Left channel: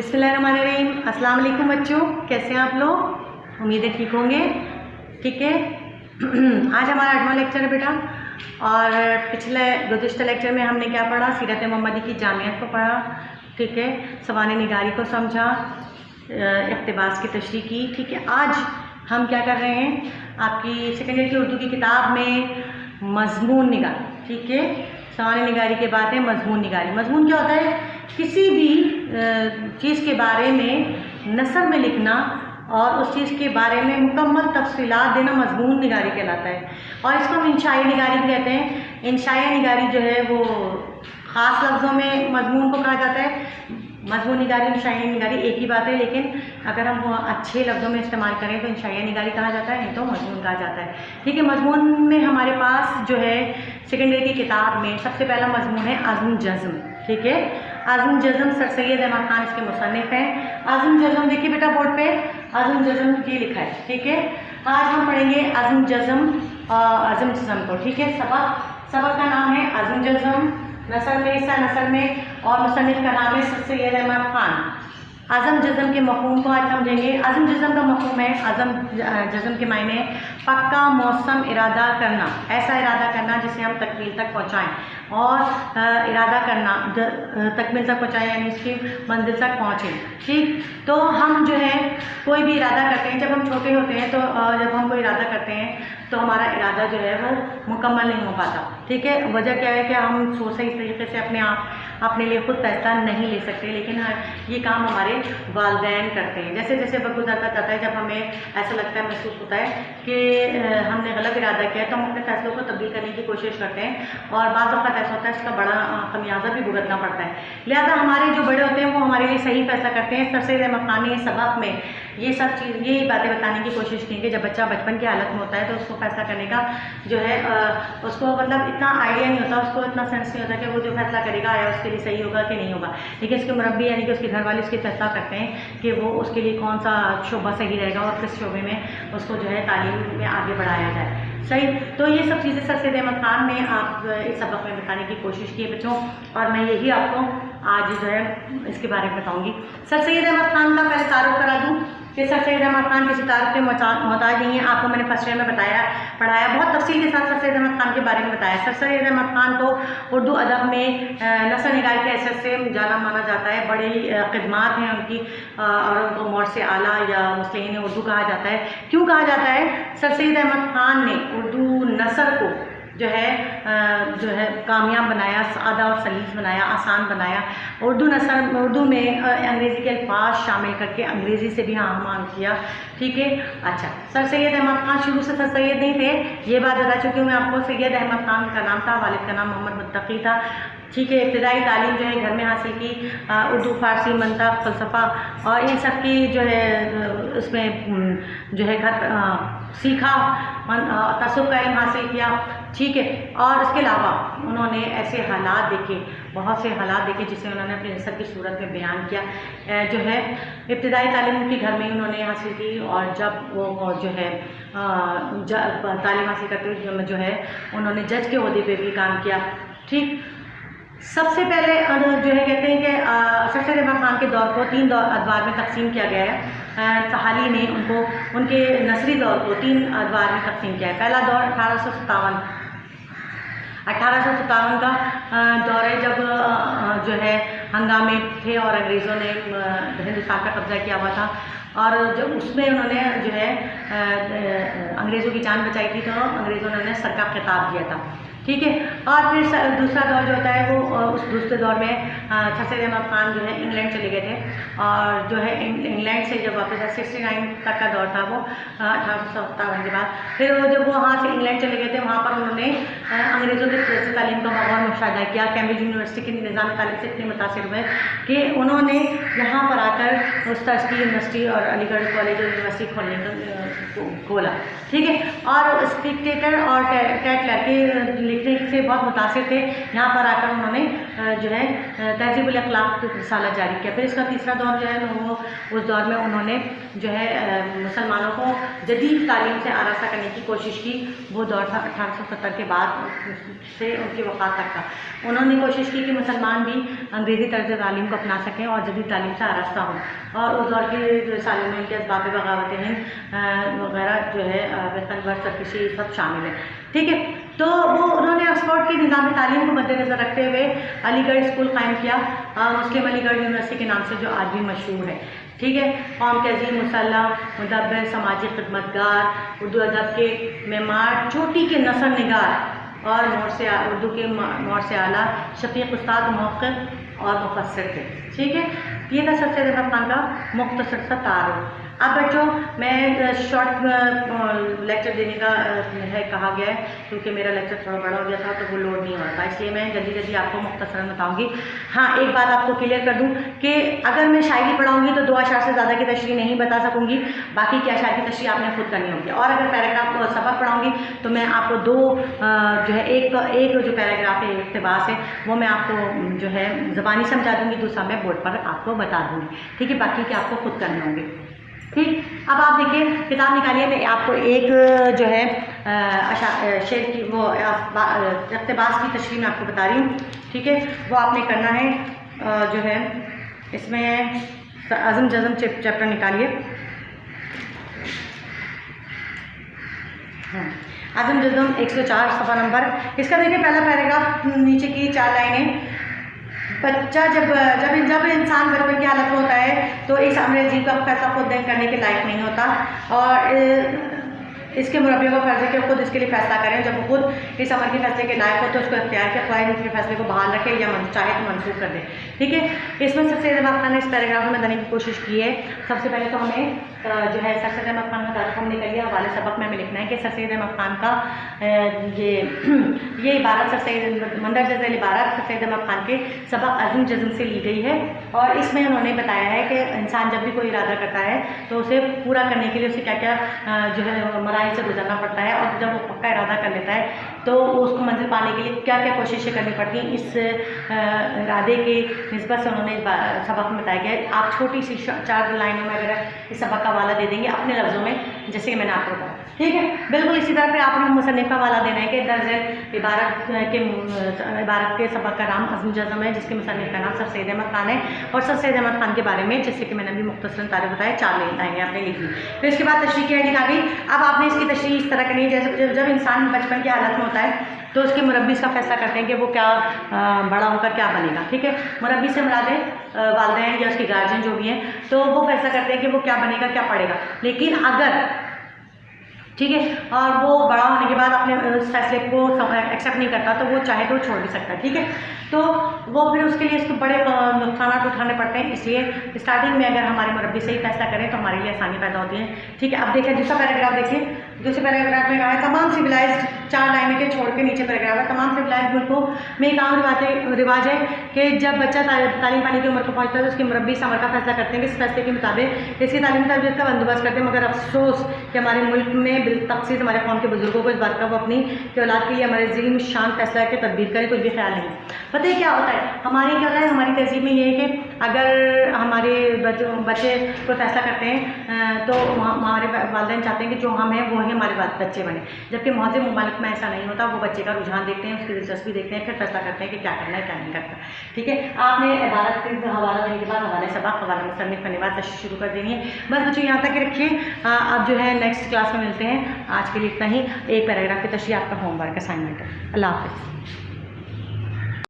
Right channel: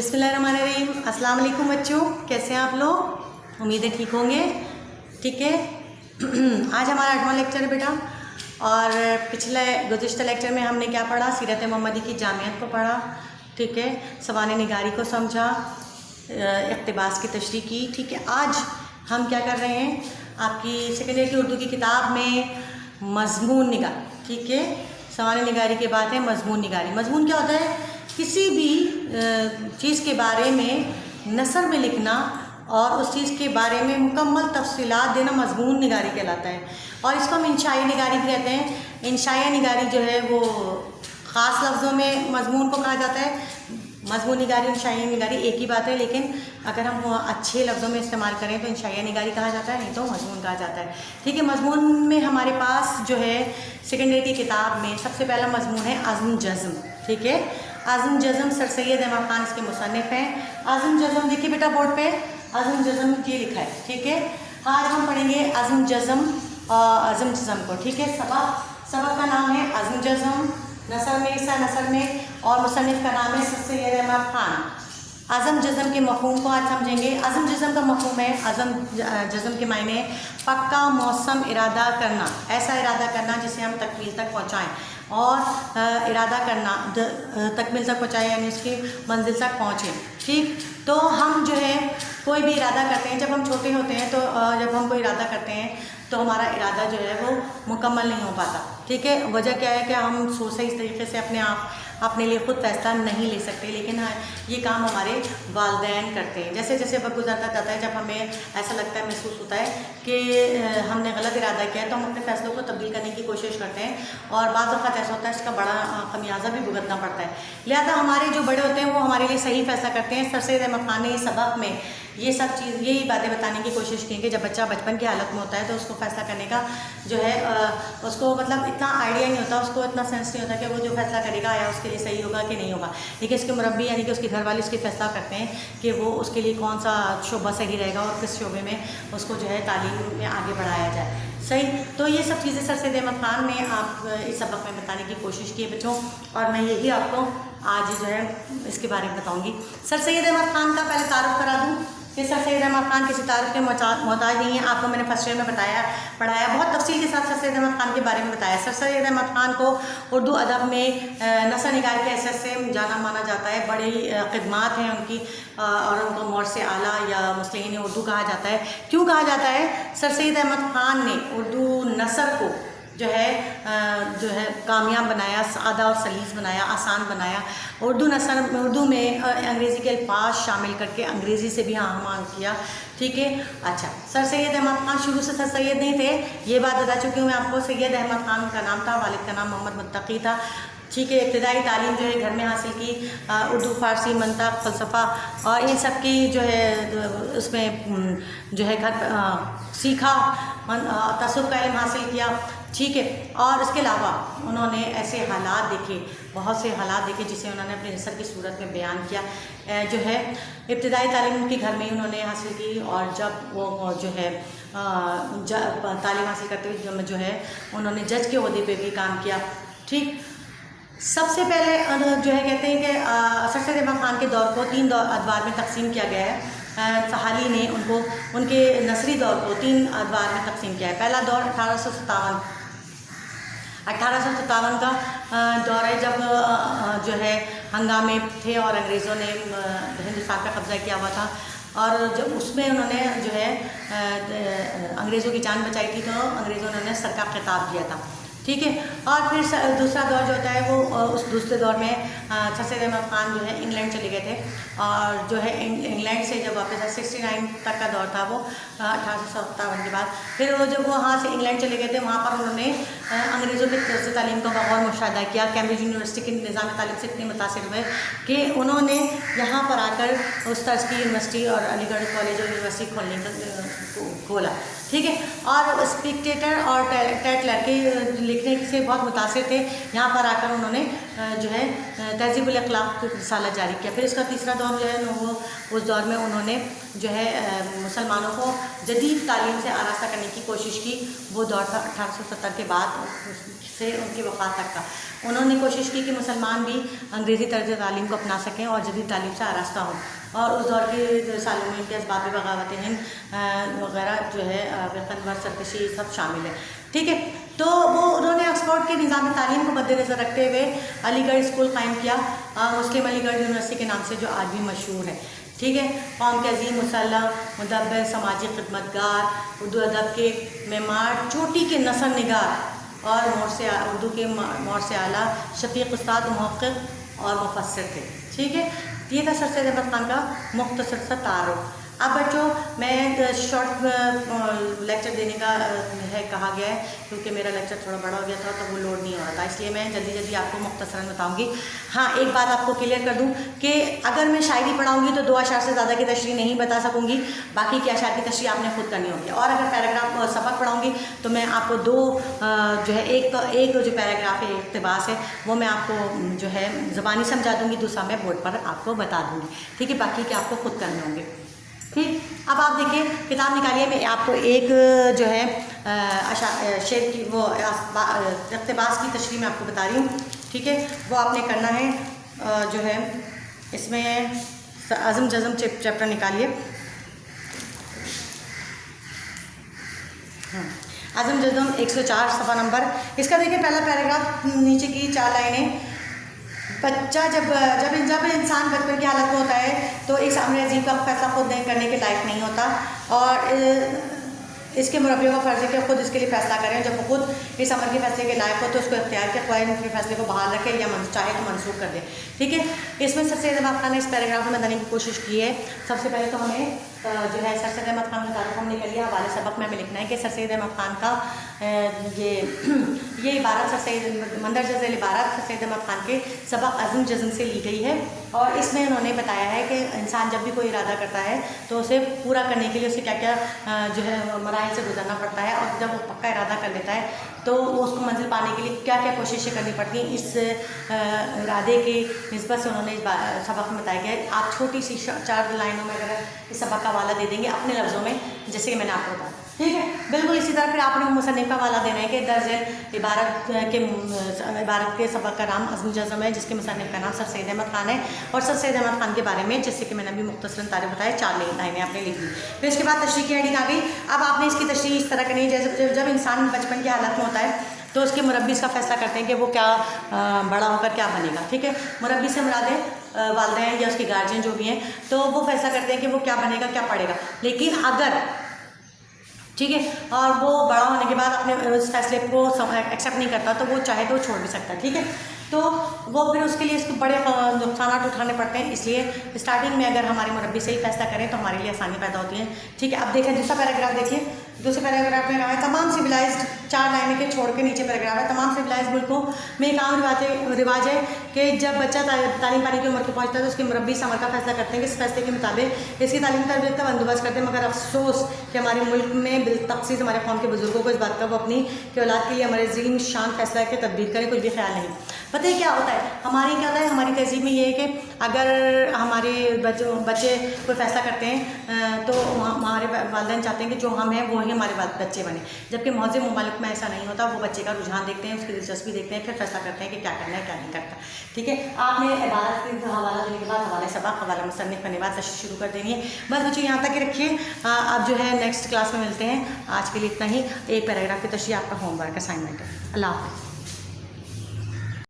बिस्मिल्लाहिर्रहमानिर्रहीम। अस्सलाम वालेकुम बच्चों, कैसे हैं आप लोग? उम्मीद है ठीक होंगे। ठीक है। आज हमारा 8वां लेक्चर है बेटा, और पिछले गुज़िश्ता लेक्चर में हमने क्या पढ़ा? सीरत मोहम्मदी की जामियत को पढ़ा। ठीक है, सवाल निगारी को समझा, इक़्तिबास की तशरीह की। ठीक है, आज हम क्या कर रहे हैं, आपकी सेकेंड ईयर की उर्दू की किताब में मज़मून निगारी। ठीक है, सवाल निगारी के बाद है मज़मून निगारी। मज़मून क्या होता है? किसी भी चीज़ के बारे में नसर में लिखना और उस चीज़ के बारे में मुकम्मल तफसीलात देना मज़मून निगारी कहलाता है। और इसको हम इंशाई निगारी भी कहते हैं। इंशाई निगारी जो है वो ख़ास लफ्ज़ों में मज़मून को कहा जाता है। मज़मून निगारी इंशाई निगारी एक ही बात है, लेकिन अगर हम अच्छे लफ्ज़ों में इस्तेमाल करें तो इंशाई निगारी कहा जाता है, नहीं तो मज़मून कहा जाता है। ठीक है, मज़मून में हमारे पास जो है सेकेंड ईयर की किताब में सबसे पहला मज़मून है आज़म जज़्म। ठीक है, आज़म जज़्म सर सैयद अहमद खान इसके मुसन्निफ़ हैं। आज़म जज़्म देखिए बेटा बोर्ड पे, आज़म जज़्म ये लिखा है। ठीक है, आज हम पढ़ेंगे आज़म जज़्म को। ठीक है, सबक का नाम है आज़म जज़्म, नसर में हिस्सा नसर में, और मुसन्निफ़ का नाम है सर सैयद अहमद खान। आज़म जज़्म के मफ़हूम को आज समझेंगे। आज़म जज़्म का मफ़हूम है, आज़म जज़्म के मायने पक्का मौसम इरादा करना, ऐसा इरादा करना जिसे हम तकमील तक पहुँचाएँ। और इरादा करना तकमील तक पहुँचाएँ यानी उसकी मंजिल तक पहुँचे। ठीक, तो हम जो है कोई भी इरादा करते हैं, जब हम छोटे होते हैं तो जब हम कोई इरादा करते हैं तो हमारा इरादा जो है वो मुकम्मल नहीं हो पाता। ठीक है, वजह क्या है कि हम सही तरीके से अपने लिए खुद फैसला नहीं ले सकते, लेकिन ये काम हमारे वालिदैन करते हैं। जैसे जैसे वक्त गुजरता जाता है, जब हमें ऐसा लगता है, महसूस होता है कि हमने गलत इरादा किया, तो हम अपने फैसलों को तब्दील करने की कोशिश करते हैं, और बाज़ वक़्त ऐसा होता है इसका बड़ा खमियाजा भी भुगतना पड़ता है। लिहाजा हमारे जो बड़े होते हैं वो हमारे लिए सही फैसला करते हैं। सर सैयद अहमद खान ने सबक में ये बातें बताने की कोशिश की कि जब बच्चा बचपन की हालत में होता है तो उसको फैसला करने का जो है उसको मतलब इतना आइडिया नहीं होता, उसको इतना सेंस नहीं होता कि वो जो फैसला करेगा या उसके लिए सही होगा कि नहीं होगा। लेकिन उसके मुरब्बी यानी कि उसके घर वाले उसके फैसला करते हैं कि वो उसके लिए कौन सा शोबा सही रहेगा और किस शोबे में उसको जो है तालीम में आगे बढ़ाया जाए। सही, तो ये सब चीज़ें सर सैयद अहमद खान ने आप इस सबक में बताने की कोशिश की है बच्चों, और मैं यही आपको आज जो है इसके बारे में बताऊँगी। सर सैयद अहमद खान का पहले तारुफ करा दूँ कि सर सैयद अहमद खान किसी तारुफ के मोहताज नहीं है। आपको मैंने फर्स्ट ईयर में पढ़ाया बहुत तफसील के साथ सर सैयद अहमद खान के बारे में बताया। सर सैयद अहमद खान को उर्दू अदब में नसर निगारी के हैसियत से जाना माना जाता है। बड़ी खिदमात हैं उनकी, और उनको मौर्स आला या मुस्लिहीन उर्दू कहा जाता है। क्यों कहा जाता है? सर सैयद अहमद खान ने उर्दू नसर को जो है कामयाब बनाया, सादा और सलीस बनाया, आसान बनाया। उर्दू में अंग्रेज़ी के अल्फाज शामिल करके अंग्रेज़ी से भी आमान किया। ठीक है, अच्छा, सर सैयद अहमद खान शुरू से सर सैयद नहीं थे, ये बात बता चुकी हूँ मैं आपको। सैयद अहमद खान का नाम था, वालिद का नाम मोहम्मद मुत्तकी था। ठीक है, इब्तिदाई तालीम जो है घर में हासिल की, उर्दू, फ़ारसी, मंतक़, फ़लसफ़ा और इन सब की जो है उसमें जो है घर सीखा, तसव्वुफ़ का इल्म हासिल किया। ठीक है, और इसके अलावा उन्होंने ऐसे हालात देखे, बहुत से हालात देखे जिसे उन्होंने अपने नसर की सूरत में बयान किया। जो है इब्तिदाई तालीम उनके घर में ही उन्होंने हासिल की, और जब वो जो है तालीम हासिल करते हुए जो है उन्होंने जज के ओहदे पे भी काम किया। ठीक, सबसे पहले जो है कहते हैं कि सर सैयद अहमद खान के दौर को 3 अदवार में तकसीम किया गया है। हाल ही में उनके नसरी दौर को 3 अदवार में तकसीम किया है। पहला दौर 1857 का दौर है, जब जो है हंगामे थे और अंग्रेज़ों ने हिंदुस्तान का कब्ज़ा किया हुआ था, और जब उसमें उन्होंने जो है अंग्रेज़ों की जान बचाई थी, तो अंग्रेज़ों ने उन्हें सर का खिताब दिया था। ठीक है, और फिर दूसरा दौर जो होता है वो उस दूसरे दौर में सर सैयद अहमद खान जो है इंग्लैंड चले गए थे, और जो है इंग्लैंड से जब वापस 69 तक का दौर था वो 1857 के बाद। फिर वो जब वहाँ से इंग्लैंड चले गए थे, वहाँ पर उन्होंने अंग्रेज़ों के तरफ से तालीम का माहौल मुशाहिदा किया। कैम्ब्रिज यूनिवर्सिटी के निज़ाम तालीम से इतने मुतासिर हुए कि उन्होंने यहाँ पर आकर उस तर्ज की यूनिवर्सिटी और अलीगढ़ कॉलेज और यूनिवर्सिटी खोला। ठीक है, और स्पेक्टेटर और टैटलर के लिखने से बहुत मुतासिर थे। यहाँ पर आकर उन्होंने जो है तहज़ीबुल अख़लाक़ रिसाला जारी किया। फिर इसका तीसरा दौर जो है वो उस दौर में उन्होंने जो है मुसलमानों को जदीद तालीम से आरास्ता करने की कोशिश की। वो दौर था 1870 के बाद से उनकी वफ़ात तक का। उन्होंने कोशिश की कि मुसलमान भी अंग्रेज़ी तर्ज़ तालीम को अपना सकें और जदीद तालीम से आरास्ता हों, और उस दौर की जो सालिम के असबाब बगावत हिंद वगैरह जो है कन्वर सरकशी सब शामिल है। ठीक है, तो वो उन्होंने ऑक्सफोर्ड की निज़ाम तालीम को मद्देनज़र रखते हुए अलीगढ़ स्कूल कायम किया, मुस्लिम अलीगढ़ यूनिवर्सिटी के नाम से जो आज भी मशहूर है। ठीक है, कौम के अजीम मुसल्ला मुदब्बिर समाजी खिदमतगार, उर्दू अदब के मेमार चोटी के नसर निगार और उर्दू के मोर से आला शफीक उस्ताद मुहक़्क़िक़ और मुफस्सिर थे। ठीक है, ये था सर सैयद अहमद ख़ान का मुख्तसर सा तारुफ़। अब बच्चों मैं शॉर्ट लेक्चर देने का है कहा गया है, क्योंकि मेरा लेक्चर थोड़ा बड़ा हो गया था तो वो लोड नहीं हो रहा था, इसलिए मैं जल्दी जल्दी आपको मुख्तसरन बताऊंगी। हाँ, एक बात आपको क्लियर कर दूं कि अगर मैं शायरी पढ़ाऊंगी तो 2 अशार से ज़्यादा की तशरीह नहीं बता सकूंगी, बाकी की अशार की तशरीह आपने खुद करनी होगी। और अगर पैराग्राफ को सबक पढ़ाऊंगी तो मैं आपको 2 जो है एक जो पैराग्राफ है इक़्तिबास है वो मैं आपको जो है ज़बानी समझा दूँगी, दूसरा मैं बोर्ड पर आपको बता दूँगी। ठीक है, बाकी के आपको खुद करने होंगे। ठीक, अब आप देखिए किताब निकालिए, मैं आपको एक जो है शेर की वो इक़्तिबास की तशरीह मैं आपको बता रही हूँ। ठीक है, वो आपने करना है जो है इसमें अज़म जज़म चैप्टर निकालिए। अज़म जज़म 104 सफ़ा नंबर। इसका देखिए पहला पैराग्राफ नीचे की 4 लाइनें। बच्चा जब इंसान बचपन की हालत में होता है तो इस अमर अजीब का फैसला खुद करने के लायक नहीं होता, और इसके मुरब्बियों का फ़र्ज़ है कि खुद इसके लिए फ़ैसला करें। जब वो खुद इस अमर के फैसले के लायक हो तो उसको इख्तियार के ख्वाहिश उसके फैसले को बहाल रखे या चाहे तो मनसूख कर दे। ठीक है, इसमें सर सैयद अहमद ख़ान ने इस पैराग्राफ में बताने की कोशिश की है। सबसे पहले तो हमें जो है सर सैयद अहमद ख़ान का तारुफ़ हमने कर लिया। हवाले सबक में हमें लिखना है कि सर सैयद अहमद ख़ान का ये इबारत मंदरजा झैल इबारत सर सैयद अहमद ख़ान के सबक अज़म जज़म से ली गई है, और इसमें उन्होंने बताया है कि इंसान जब भी कोई इरादा करता है तो उसे पूरा करने के लिए उसे क्या क्या जो है मराहिल से गुजरना पड़ता है, और जब वो पक्का इरादा कर लेता है तो उसको मंजिल पाने के लिए क्या क्या कोशिशें करनी पड़ती हैं। इस इरादे की निस्बत से उन्होंने इस सबक में बताया गया है। आप छोटी सी 4 लाइनों में अगर इस सबक का हवाला दे देंगे अपने लफ्ज़ों में, जैसे कि मैंने आपको बताया। ठीक है, बिल्कुल इसी तरह फिर आपने मुसन्निफ़ का हवाला देना है कि दर्ज इबारत के सबक का नाम अज़म जज़म है, जिसके मुसन्निफ़ का नाम सर सैयद अहमद ख़ान है, और सर सैयद अहमद ख़ान के बारे में जैसे कि मैंने अभी मुख्तसरन तारीफ़ बताया 4 लाइनें आपने लिख ली। फिर इसके बाद तशरीह की हेडिंग आ गई। अब आपने इसकी तशरीह इस तरह करनी है जैसे जब इंसान बचपन की हालत में होता है तो उसके मुरब्बी इसका फैसला करते हैं कि वो क्या बड़ा होकर क्या बनेगा। ठीक है, मुरब्बी से मुराद है वालिदैन या उसके गार्जियन जो भी हैं, तो वो फैसला करते हैं कि वो क्या बनेगा क्या पढ़ेगा। लेकिन अगर ठीक है और वो बड़ा होने के बाद अपने उस फैसले को एक्सेप्ट नहीं करता तो वो चाहे तो छोड़ भी सकता है। ठीक है, तो वो फिर उसके लिए इसको बड़े नुकसान उठाने पड़ते हैं, इसलिए स्टार्टिंग में अगर हमारे मुरब्बी से ही फैसला करें तो हमारे लिए आसानी पैदा होती है। ठीक है, अब देखिए दूसरा पैराग्राफ देखिए। दूसरे पैराग्राफ में कहा है तमाम सिविलाइज्ड 4 लाइनें के छोड़ के नीचे पैराग्राफ है। तमाम सिविलाइज्ड मुल्कों में एक आम रिवाज है कि जब बच्चा तालीम पाने की उम्र को पहुँचता है तो उसकी मुरब्बी इस अमल का फैसला करते हैं कि इस फैसले के मुताबिक इसकी तालीम तरबियत का बंदोबस्त करते हैं। मगर अफसोस कि हमारे मुल्क में बिलतखसीस हमारे कौम के बुजुर्गों को इस बात का वो अपनी कि औलाद के लिए हमारे अजीम शान फैसला की तदबीर करें कुछ भी ख्याल नहीं। पता है क्या होता है हमारे क्या होता है हमारी तहजीब में ये है कि अगर हमारे बच्चे कोई फैसला करते हैं तो हमारे वालिदैन चाहते हैं कि जो हम हैं वो ही हमारे बच्चे बने, जबकि मौजूद ममालिक में ऐसा नहीं होता। वो बच्चे का रुझान देखते हैं, उसकी दिलचस्पी देखते हैं, फिर फैसला करते हैं कि क्या करना है क्या नहीं करता। ठीक है, आपने इबारत का हवाला देने के बाद हवाले सबक हवाला मुसन्निफ़ करने के बाद तशरीह शुरू कर देनी है। बस बच्चों यहाँ तक रखिए, अब जो है नेक्स्ट क्लास में मिलते हैं। आज के लिए इतना ही। एक पैराग्राफ की तशरीह आपका होमवर्क असाइनमेंट है। अल्लाह हाफ़िज़।